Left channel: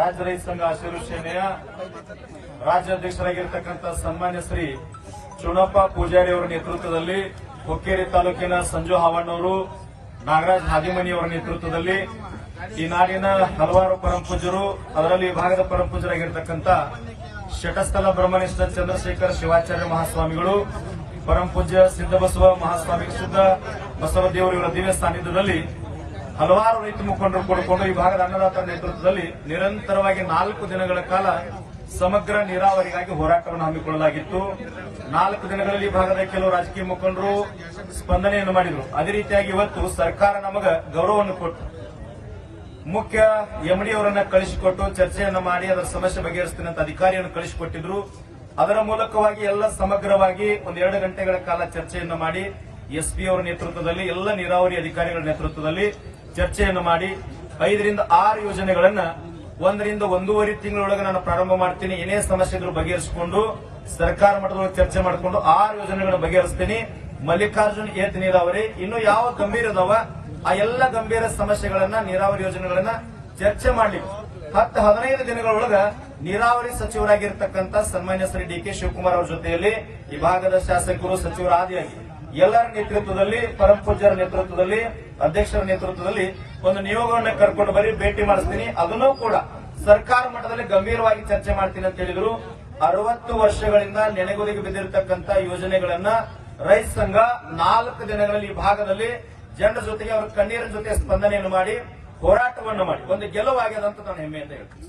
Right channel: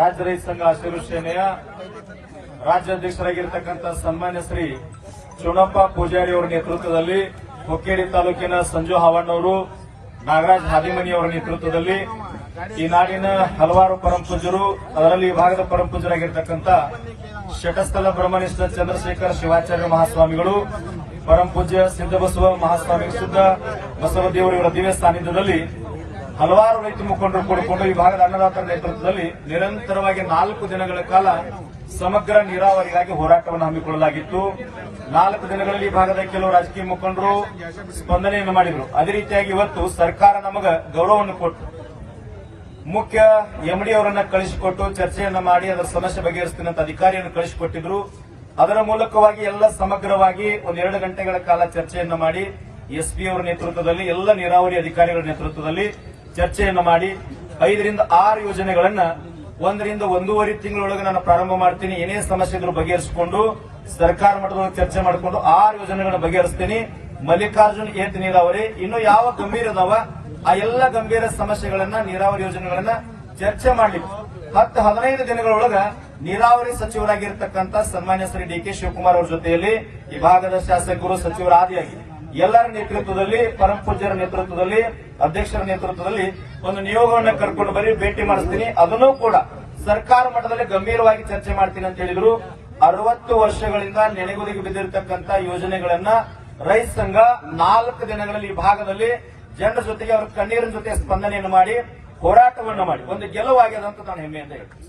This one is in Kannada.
ರಾಜ್ಯ ರೈತ ಸಂಘ ಹಸಿರು ಸೇನೆಯ ರಾಜ್ಯಾಧ್ಯಕ್ಷರಾಗಿರ್ತಕ್ಕಂಥ ಸನ್ಮಾನ್ಯ ಶ್ರೀ ಚುನಪ್ಪ ಪೂಜಾರಿ ಅವರ ನೇತೃತ್ವದಲ್ಲಿ ಹುಕ್ಕೇರಿ ತಾಲೂಕಿನ ಸಂಜು ಹಾವಣ್ಣವರು, ನಾಗರಾಜ್ ಹಾದಿಮನಿ ಅವರ ನೇತೃತ್ವದಲ್ಲಿ ಈ ನಾಡಿನ ಹಲವಾರು ಪರಮಪೂಜ್ಯರು, ಅದರಲ್ಲಿ ವಿಭಾಗದ ಪರಮಪೂಜ್ಯರಾಗಿರ್ತಕ್ಕಂಥ ಶಟಸ್ಥಲ ಬ್ರಹ್ಮನಿಷ್ಠ ಚಂದ್ರಶೇಖರ ಶಿವಾಚಾರ್ಯ ಮಹಾಸ್ವಾಮಿಗಳು, ಪರಮಪೂಜ್ಯ ಸಿದ್ದಬಸವ ಮಹಾಸ್ವಾಮಿ, ಸಿದ್ದ ಬಸವದೇವರು ಇವರ ದಿವ್ಯ ಸಾನ್ನಿಧ್ಯದಲ್ಲಿ ಹಲವಾರು ರೈತ ಮುಖಂಡರು ಕೂಡಿಕೊಂಡು ಈ ಭಾಗದ ಅನ್ನದಾತರ ನೇತೃತ್ವದಲ್ಲಿ ನಿರಂತರವಾಗಿ 4 ದಿನಗಳ ಕಾಲ ಸಮಗ್ರ ನೀರಾವರಿಗಾಗಿ ಹೋರಾಟವನ್ನು ಹಮ್ಮಿಕೊಳ್ಳಲಾಗಿತ್ತು. 4 ದಿನಗಳಲ್ಲಿ ಈ ಭಾಗದ ಕೆಲವು ರಾಜಕೀಯ ಮುಖಂಡರು ಸ್ಪಂದನೆಯನ್ನು ಮಾಡಿದರು. ಅದೇ ರೀತಿಯಾಗಿ ಇವತ್ತು ಸರ್ಕಾರ ನಮಗ ಗೌರವವನ್ನು ಕೊಟ್ಟು ಮುಖ್ಯ ಎಂಡಿ ಅವರನ್ನ ಕಳಿಸಿಕೊಟ್ಟು ಚರ್ಚೆಯನ್ನ ಮಾಡಿ ಅದರ ಸಮಸ್ಯೆ ಬಗೆಹರಿಸ್ತೀನಿ ಅಂತ ಅಧಿಕಾರಿಯನ್ನು ಕಳಿಸಿಕೊಟ್ಟಿದ್ರು. ಅದರ ಮೂಲಕವಾಗಿ ಎಲ್ಲ ಸಮಗ್ರವಾಗಿ 1-2 ಗಂಟೆಗಳ ಕಾಲ ಚರ್ಚೆಯನ್ನು ಮಾಡಿ ಎಸ್ಪಿ ಅವರ ನೇತೃತ್ವದಲ್ಲಿ ಎಲ್ಲ ನೀರಾವರಿ ಅಧಿಕಾರಿಗಳ ನೇತೃತ್ವದಲ್ಲಿ ಚರ್ಚೆಯನ್ನು ಮಾಡಿ 5 ರಿಂದ 6 ಯೋಜನೆಗಳನ್ನ 1 ರಿಂದ 1.5 ತಿಂಗಳೊಳಗೆ ನಾನು ಪ್ರಾರಂಭ ಮಾಡ್ತೀನಿ. ಏನೇ ಸಮಸ್ಯೆ ಇದ್ರೂ ಬಗೆಹರಿಸಿಕೊಂಡು ಸರ್ಕಾರ ಮಟ್ಟದೊಳಗೆ ಚರ್ಚೆ ಮಾಡಿಕೊಂಡು 6 ಯೋಜನೆಗಳನ್ನು ಬಗೆಹರಿಸ್ತೀನಿ. ಮಲ್ಲಿಕಾರ್ಜುನ್ ಏತ್ ನೀರಾವರಿ ಇನ್ನು ಯಾವ ಗಂಭೀರ ಅದಾವ ಆ ಎಲ್ಲ ಗಂಭೀರ ಸಮಸ್ಯೆಗಳನ್ನ ನೀರಾವರಿ ಯೋಜನೆಗಳನ್ನ ಚರ್ಚೆ ಮಾಡ್ಲಿಕ್ಕೆ 10-15 ದಿನಗಳೊಳಗ ನೀರಾವರಿ ಸಚಿವರಾಗಿರ್ತಕ್ಕಂಥ ಸನ್ಮಾನ್ಯ ಶ್ರೀ ಡಿ.ಕೆ. ಶಿವಕುಮಾರ್ ಅವರ ಜೊತೆಯಲ್ಲಿ ಈ ಭಾಗದ ಶಾಸಕರು, ಸಚಿವರ ಆದಿಯಾಗಿ ಎಲ್ಲರ ನೇತೃತ್ವದಲ್ಲಿ, ಪರಮಪೂಜ್ಯರ ನೇತೃತ್ವದಲ್ಲಿ, ಅಧ್ಯಕ್ಷರ ನೇತೃತ್ವದಲ್ಲಿ ಒಂದು ನಿಯೋಗವನ್ನು ಕರ್ಕೊಂಡು ಬರೀ ಭೇಟಿ ಮಾಡಿಸ್ತೀನಿ. ಅದನ್ನೂ ಕೂಡ ಸರ್ಕಾರ ಮಟ್ಟದಲ್ಲಿ ಗಂಭೀರವಾಗಿ ಚರ್ಚೆ ಮಾಡ್ತೀನಿ ಅಂತ ಹೇಳಿದ್ರು. 60 ವರ್ಷಗಳಿಂದ ನೆನೆಗುದಿಗೆ ಬಿದ್ದಿರತಕ್ಕಂಥ ಯೋಜನೆಗಳನ್ನ ರೈತ ಸಂಘ 4 ದಿನಗಳಲ್ಲಿ ಈ ಭಾಗದಲ್ಲಿ ಜನರ ಜೊತೆಗೆ ಅವರ ಕಣ್ಣೀರಿನ ಜೊತೆ ಸ್ಪಂದನೆಯನ್ನು ಮಾಡಿ ಹೋರಾಟವನ್ನು ಮಾಡಿ ಒಂದು ಗೆಲುವಾಗಿದೆ ಅಂತ ನಾನು ಹೆಮ್ಮೆಯಿಂದ ಹೇಳ್ತೀನಿ.